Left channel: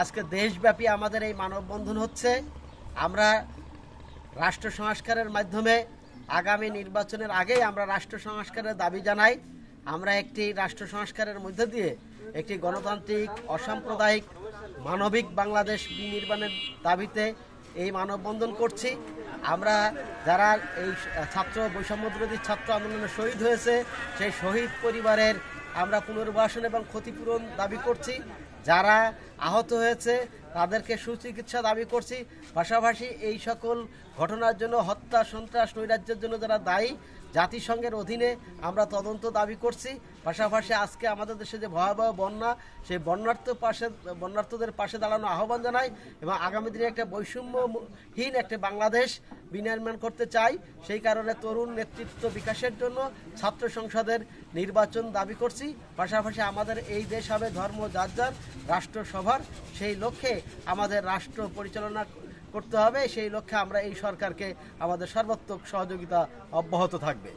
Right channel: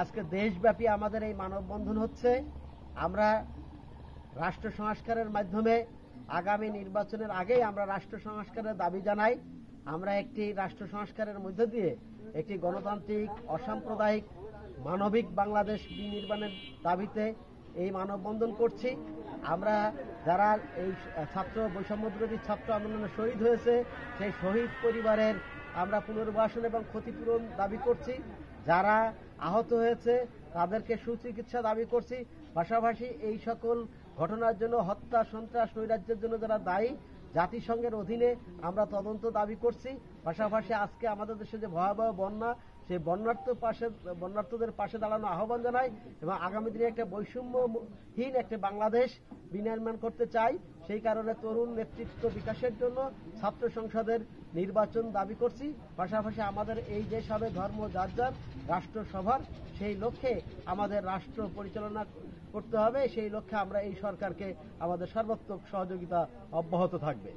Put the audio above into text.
আজকে দেশব্যাপী আমাদের এই মানববন্ধন হচ্ছে। আমরা রাষ্ট্র সংস্কারের মাধ্যমে আগামী নির্বাচনের আগেই আমরা রাষ্ট্র সংস্কারের দাবি জানাই। আমরা একটি রাষ্ট্র সংস্কারের মধ্য দিয়ে একটি গণতান্ত্রিক, অসাম্প্রদায়িক, মানবিক বাংলাদেশ বিনির্মাণের দাবিতে এই মানববন্ধন করছি। আমরা যারা এই ছাত্র বৈষম্যবিরোধী ছাত্র আন্দোলনে শহীদ হয়েছে সেই শহীদ পরিবারের আমরা পুনর্বাসন এবং ক্ষতিপূরণ দাবি করছি। যারা আহত হয়েছে তাদেরকে সুচিকিৎসা দাবি করছি। পাশাপাশি এই সকল ঘটনার জন্য, হত্যা, সন্ত্রাস, নৈরাজ্যের জন্য যারা দায়ী, জাতিসংঘের অধীনে আমরা তদন্ত দাবি করছি। পাশাপাশি আজকে আমাদের দেশে যে ভয়াবহ বন্যা, সেই বন্যার্থদের পাশে দাঁড়ানো আহ্বান জানাই এবং আগামী দিনে একটা বৈষম্যহীন একটা বাংলাদেশ বিনির্মাণ করতে চাই। সেই কারণে তরুণ নেতৃত্ব বিকাশের জন্য ছাত্র সংসদের নির্বাচন দাবি করছি। পাশাপাশি আমাদের এই দেশ হবে ধর্ম যার যার, রাষ্ট্রসভার। সেই লক্ষ্যে আমাদের রাষ্ট্র পরিচালনা করতে হবে। সেই লক্ষ্যে আমরা এই সরকারকে আমাদের সর্বাত্মক সহযোগিতা অব্যাহত থাকবে।